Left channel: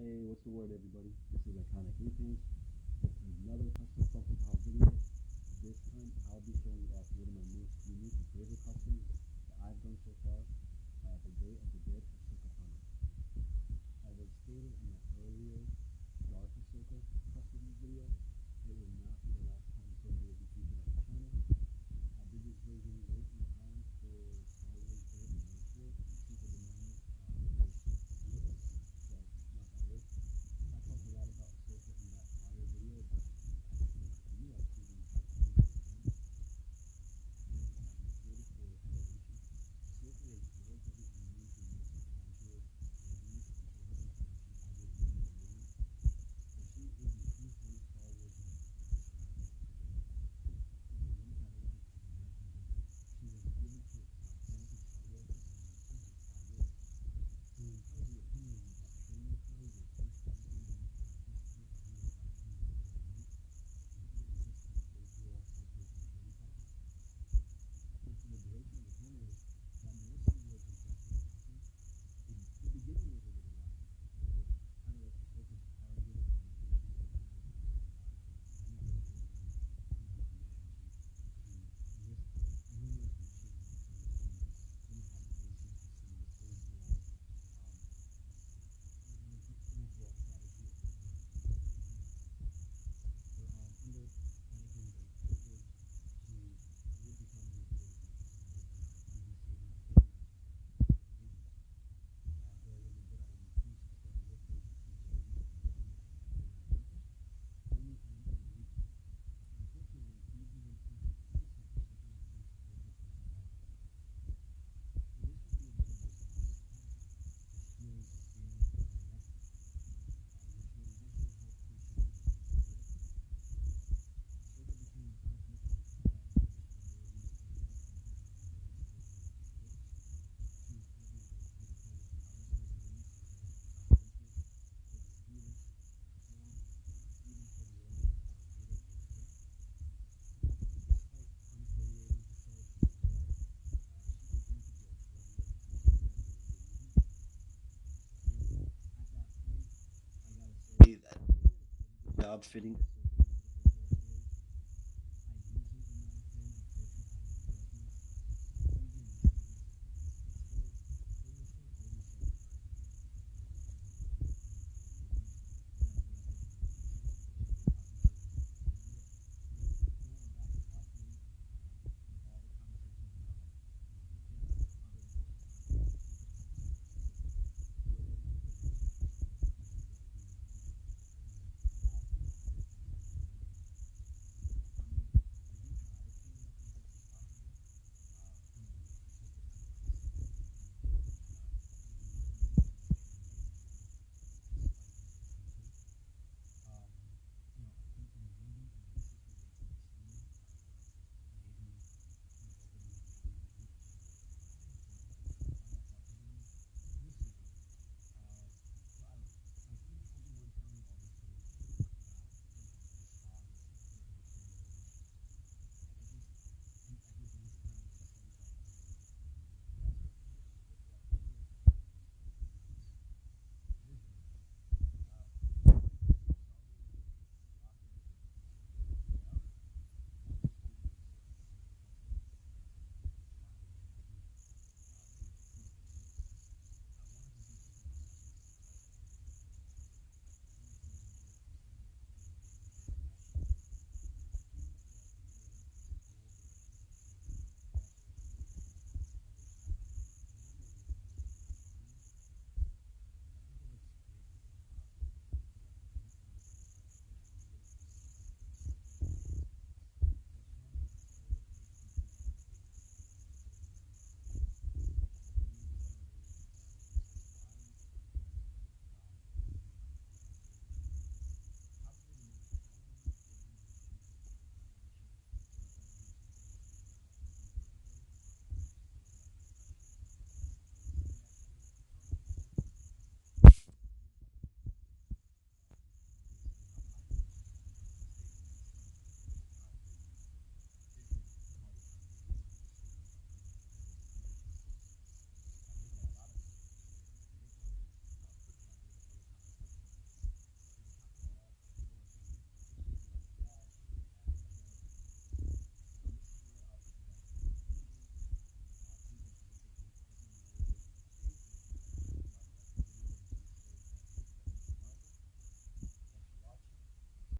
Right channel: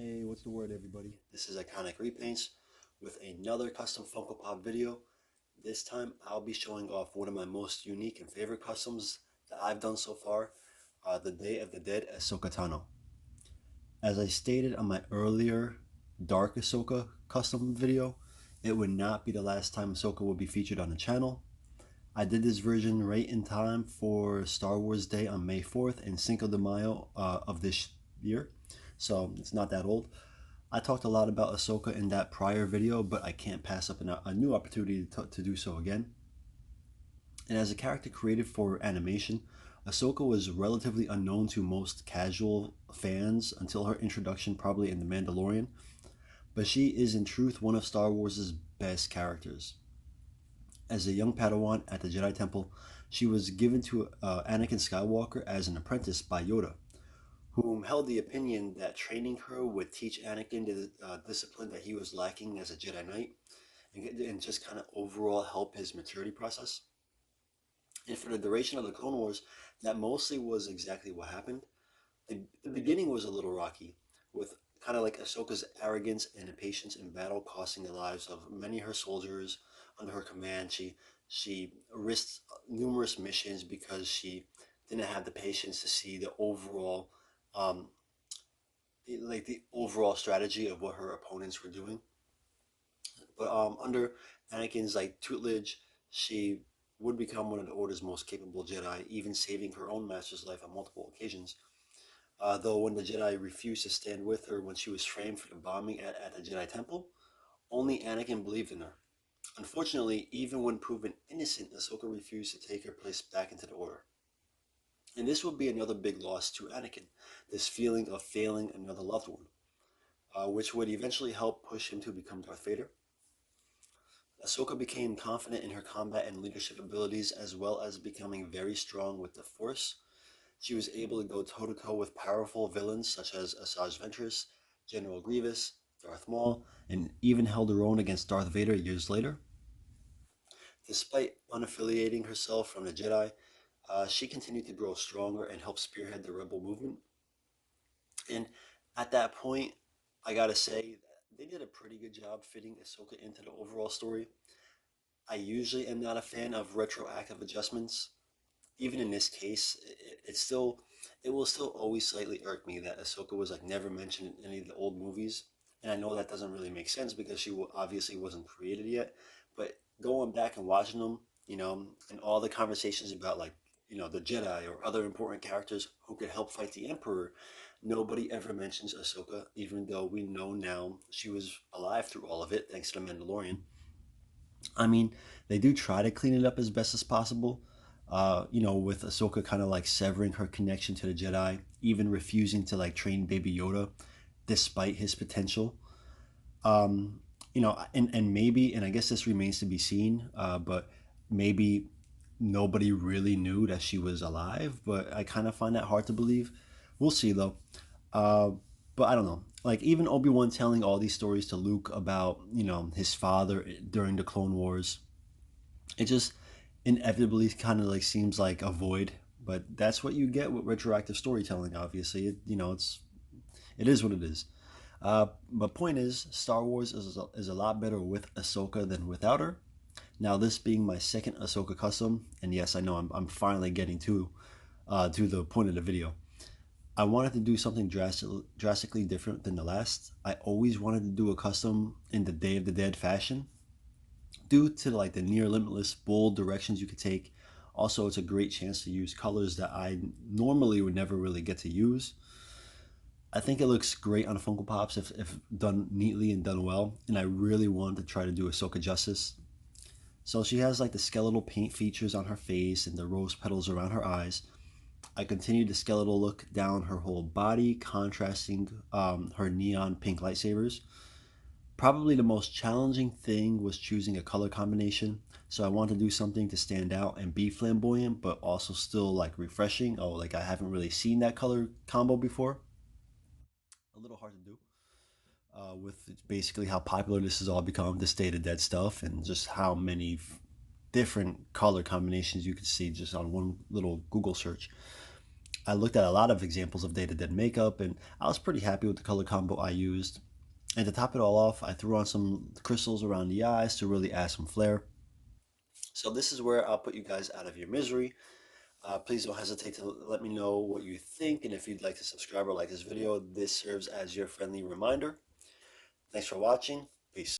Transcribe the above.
Hey, what's the word, everybody? This is Iconic Repaints with another custom Funko Pop video. This time I'll be showing off one of my most unique and favorite customs that I've done so far, the Day of the Dead Ahsoka Tano. As I stated on my earlier Dark Ahsoka custom video, it would not be the last time Ahsoka would be featured on the channel. I did this version right in time for Star Wars Day on May 4th and Cinco de Mayo of this year, so it's not that old. I talked a lot about Ahsoka in that prior video, but I can't pass up a new opportunity to do so again. And as a character created for animation, Ahsoka was relatively unknown to most casual fans until her introduction probably in The Mandalorian, but she is in truth one of Star Wars' best characters. As a young Padawan at the Jedi Temple, she was given to Anakin Skywalker as an apprentice by Yoda, whom held the opinion that training her would teach Anakin the discipline that he was lacking as a Jedi Knight, and just kind of overall help his maturity process. And for the duration of the Clone Wars, that mostly was exactly what happened. The beginning was a little rocky, with kind of like Ahsoka's arrogance and impatience in battle costing the lives of many of her soldiers under her command. She risked numerous missions because she didn't have the patience to see the overall um, the overall strategy of what her opponents were doing. But under Anakin's tutelage, she would become one of the Order's most capable Jedi, even saving her own master's life on multiple occasions. Though when the Jedi refused to stand with her when she was framed for the bombing at the Jedi Temple, only Anakin believed in her. Unfortunately, even when proven innocent, Ahsoka refused to take her place back into the Order. And this would be another big loss to Anakin, this feeling of failing another loved one, which would eventually help push him to become Darth Vader. Ahsoka became confident in her combat and leadership abilities, as well as becoming very strong with the Force. She was able to go toe-to-toe with powerful villains such as Asajj Ventress, General Grievous, Darth Maul, and even held her own against Darth Vader years later. Despite unaffiliating herself from the Jedi, she continued to grow stronger and help spearhead the rebel movement. And at that point, I gotta say that they did a pretty good job fitting Ahsoka into the overall story. I usually am not a fan of retroactive adjustments. Even in this case, it will still always slightly irk me that Ahsoka was never mentioned in any of the old movies. And I know that doesn't really make sense because she obviously wasn't created yet. But going back and watching them, and all the conversations about the Jedi or other important characters who could help fight the Emperor, nobody ever mentions Ahsoka, even though we know now she was alive through all of it thanks to the Mandalorian. I mean, they do try to clean it up as best as possible. With Ahsoka kind of severing her connection to the Jedi, even refusing to train Baby Yoda, despite his potential. And maybe, and I guess this remains to be seen, but maybe nobody really knew that she was alive. But I kind of find that hard to believe. We'll see though. Uh, but I don't know. Even Obi-Wan telling all these stories to Luke about his father during the Clone Wars, it just inevitably kind of seems like a void. But that's what you get with retroactive storytelling. Obviously, it is what it is. But point is, Star Wars is a lot better with Ahsoka than without her. Now, this being my second Ahsoka custom, and yes, I know I'm finally getting to the point of the video. I wanted to do something drastically different than the last. I always wanted to do a custom in the Day of the Dead fashion, due to the near limitless bold directions you could take. Also, it's a great chance to use colors that I normally would never really get to use. I think it looks great on Funko Pops if done neatly and done well, and I really wanted to try to do Ahsoka justice. So she has the skeletal paint features on her face and the rose petals around her eyes. I continued the skeletal look down her whole body, contrasting her neon pink lightsabers. Probably the most challenging thing was choosing a color combination. So I wanted to do something to stand out and be flamboyant, but also still refreshing. Oh, I haven't really seen that color combo before. A little hard to do. With basically how popular this has all become, this Day of the Dead stuff, and just how many different color combinations you could see just on one little Google search. I looked at a lot of examples of Data Dead makeup, and I was pretty happy with the color combo I used. And to top it all off, I threw on some crystals around the eyes to really add some flair. So this is where I'll put you guys out of your misery. Please don't hesitate to let me know what you think, and if you'd like to subscribe or like this video, this serves as your friendly reminder. Thanks for watching. Peace.